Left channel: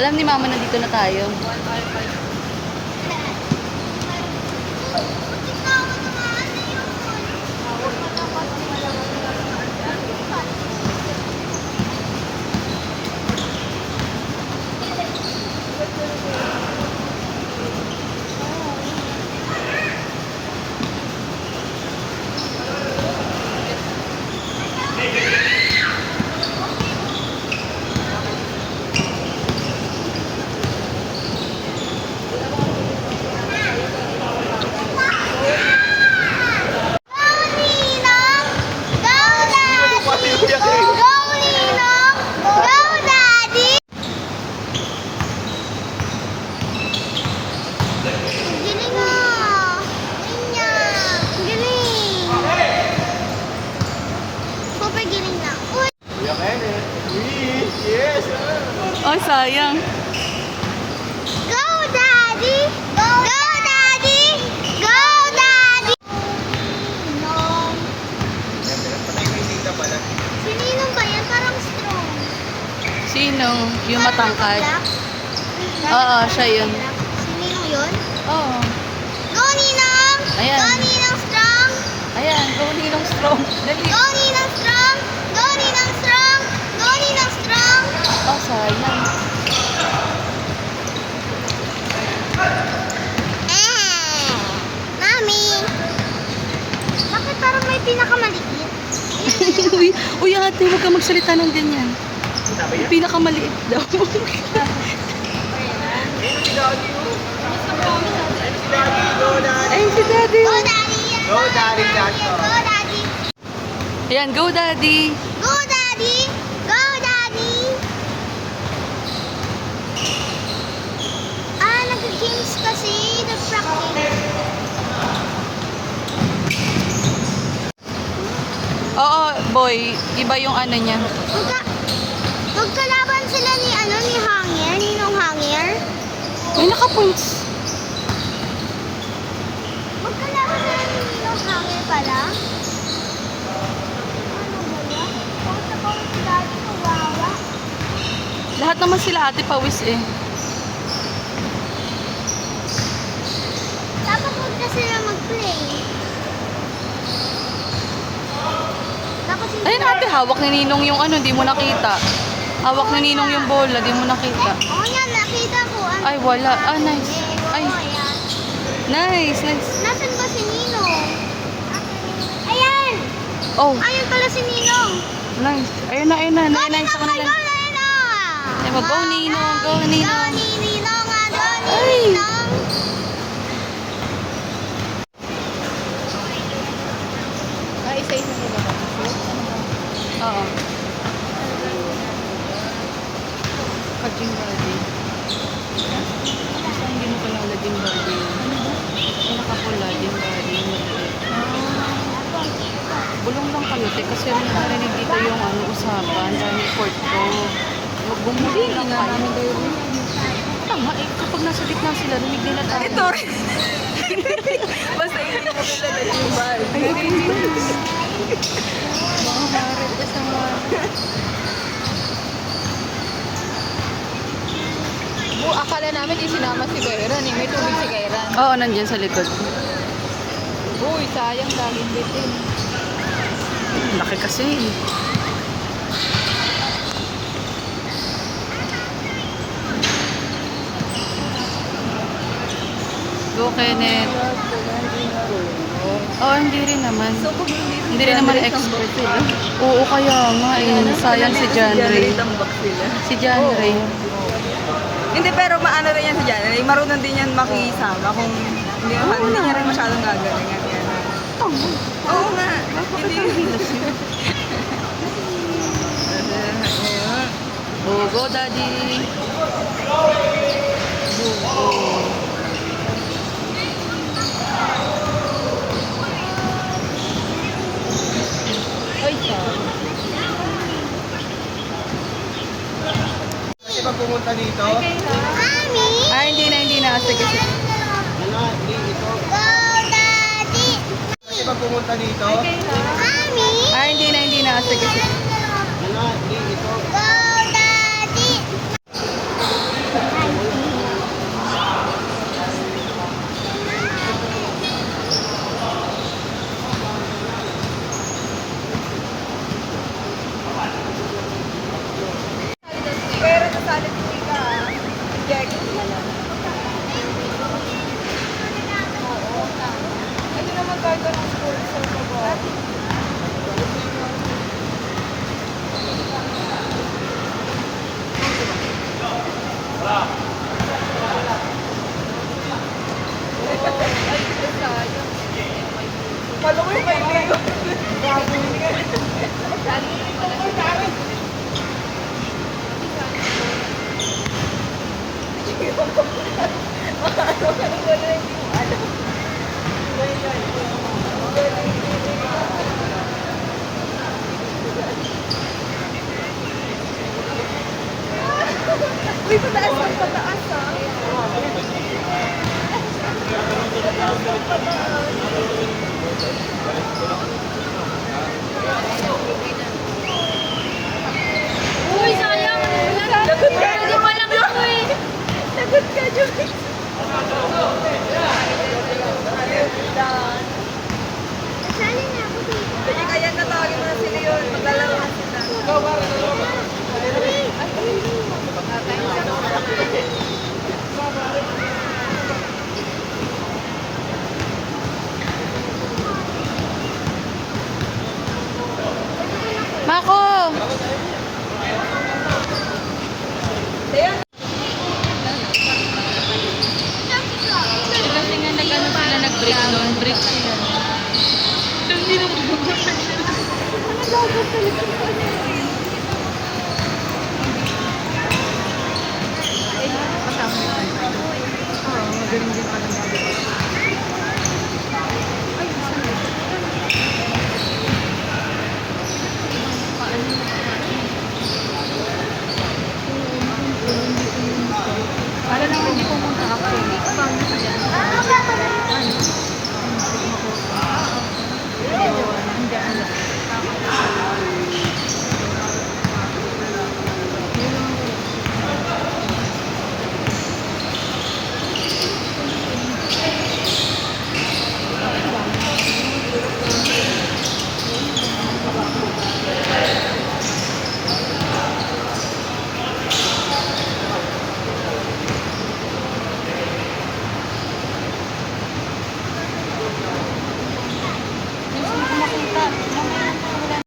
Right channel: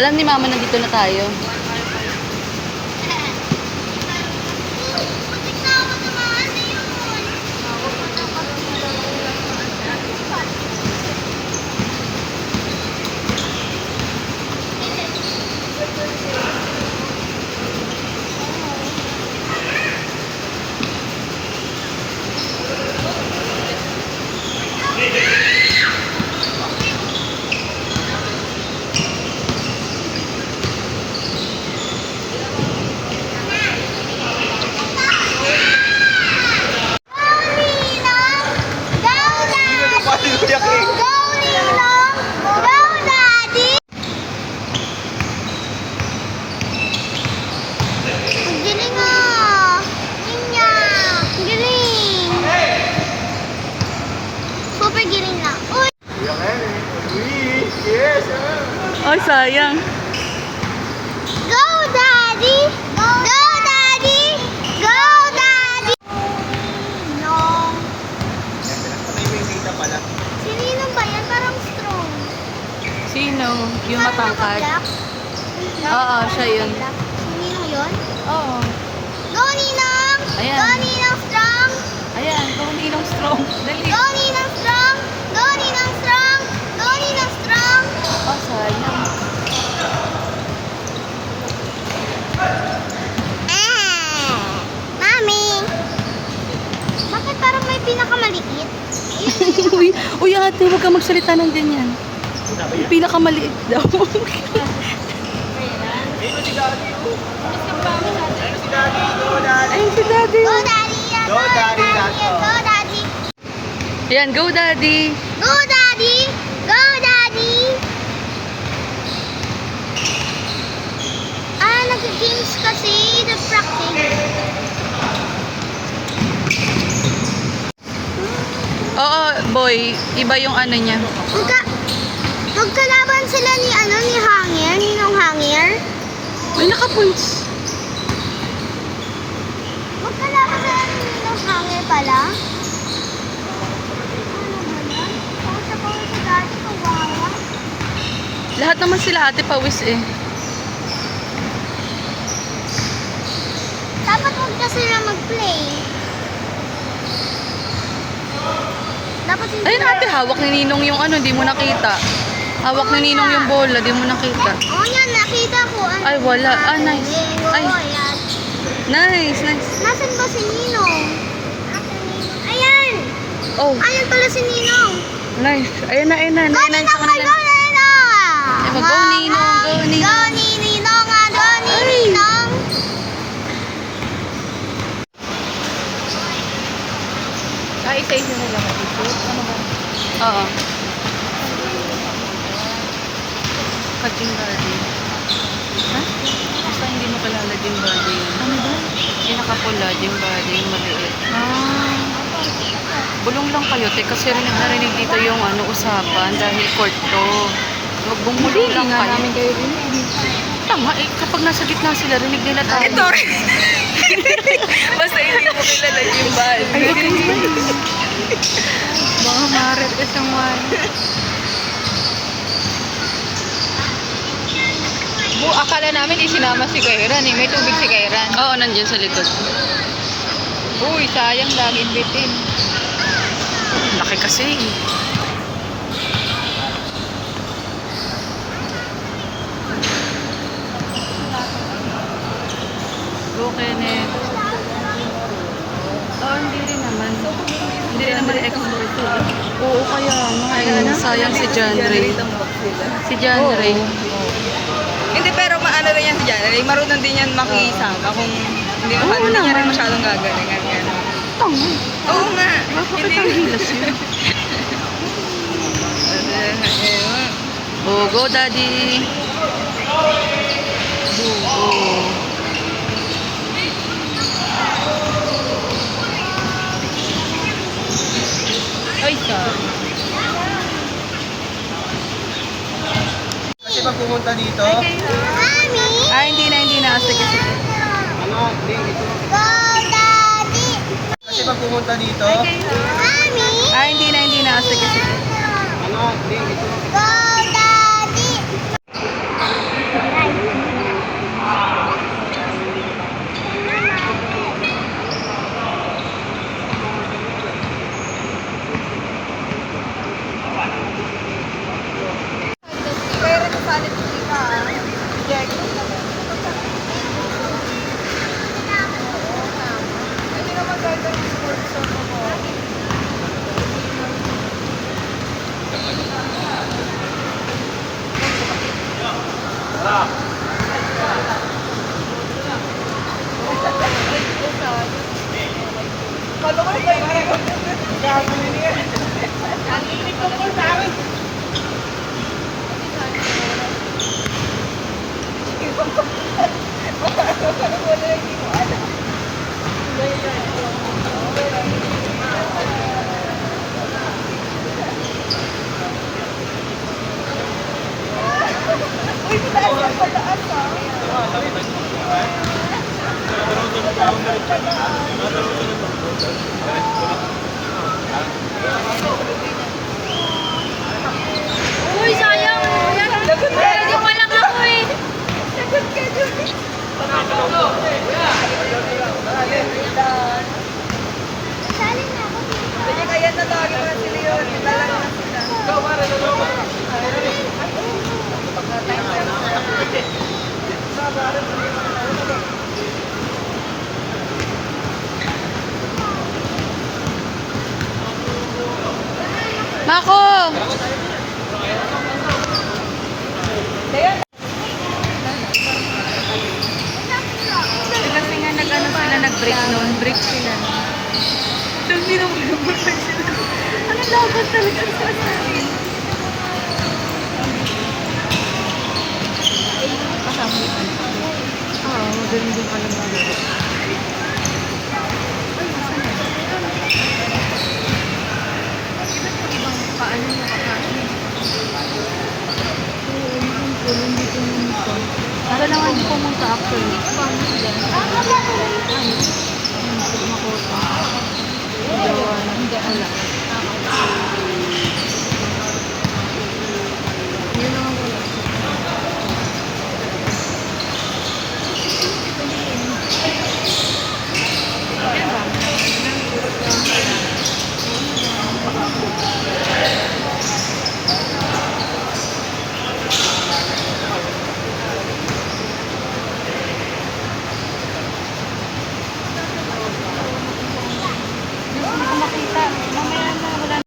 Alam ni Mama, nandito na tayo. Oh, sayang. Go, Daddy! Go, Daddy! Go, Daddy! Ninong. Si Ninong ba yan? Parang strong. Sino? Yung matangkad? Black? Oo, siya yun. Si Ninong yun? Oo. Go, Ninong! Ayan. Go, Ninong strong! Ayan, puli ng strong. Dali. Go, Ninong strong! Go, Ninong strong! Go, Ninong strong! Oh, sayang. Mami! Bakit parang may pinakamaliit? Uy, ate, huwag ka magsalita ng ganyan. Yung pinakamaliit daw. Ay, si Daddy. Go, Daddy! Yan, Go, Daddy! Go, Daddy! Ayan, go, Daddy. Go, Daddy! Go, Daddy! Nag-games kasi. Nag-practice. Oo, boy. Iba yung ano niya. Magkalaban sila ni Hangir, Ninong Hangir. May naka-points. Magkalaban sila ni Ninong Hangir pala. Lahat naman sila ate pawis eh. Dapat huwag ka sila mag-play. Dapat hindi. Ayun ate, hawak ni Ninong yung ano, di mo nakita. Hawak ni Ninong yung bola, di mo nakita. Oo yan, nakita ko. Ay, wala. Ah, nice. Ay. Yan. Nice, nice. Nasaan ba si Ninong? Ayan! Oh, Ayan pala si Ninong. nice. Ayun na, ayun na. Go, Nice sa Ninong! kanila. Go, Ninong! Ay, mag-go, Ninong. Go, Ninong. Go, Ninong! Go, Ay. Ninong! Isa-isa na lang. Oo. Kajing body. Basta hindi mo kalala gym body yan. Yung nakapula, gym body, yung maliit. Bulong lang kayo, te, kasi narinig dito yung ano, usapan dahil court to. Bumulong lang kayo. Tama, eh, kapag nasa gitna sila, rinig nila tayo. Ito rin. Basta hindi mo kilala yung bal. Ay, wag kayo ba? Baka marit ka sa akala namin isinama si Kairan eh. May tubig si Kairan. Oo, nandiyan sa likod. Uy, sayang laging bitin. Laki kasi. Go, Kenneth. Oh, hindi rin naman. Hindi rin naman expert eh. Oo, kaya nga. Eh. Sayang si John Ray. Si John Ray. Hindi, pero maano rin yan si Janelle. Marunong din yan makisangga kung hindi Oo hindi niya naman. rin masyadong gagalingan. Tama. Oo nga. Bakit ang lasing? Oh, go, Daddy. Go. pumunta dito? Mami, Hindi na. Sige. Ano? Hindi, ito. go daddy. Kasi pag pumunta dito? Mami, Hindi na. Sige. Ano? Hindi, ito. go daddy. Kaya rin sa salit ko ka. Jag. Hindi naman kahit anong sports sa baba. Kalo ko yung kaibigan. Grabe niya. Ito po sa akin. Uy, pataas ah. Uy, sayang. Lagot ka, Walang ako eh. Lagot ka, Joy. Sali na ako dito. Kasi kaya natawag na sila yun. Lalaro na sila. Mako! Kasi nga nag-ano sila, nag-break noon. Break sila. So, hindi naman lumabas sila. Ano lagot talaga? Ang sarap natin. Magaling din pala.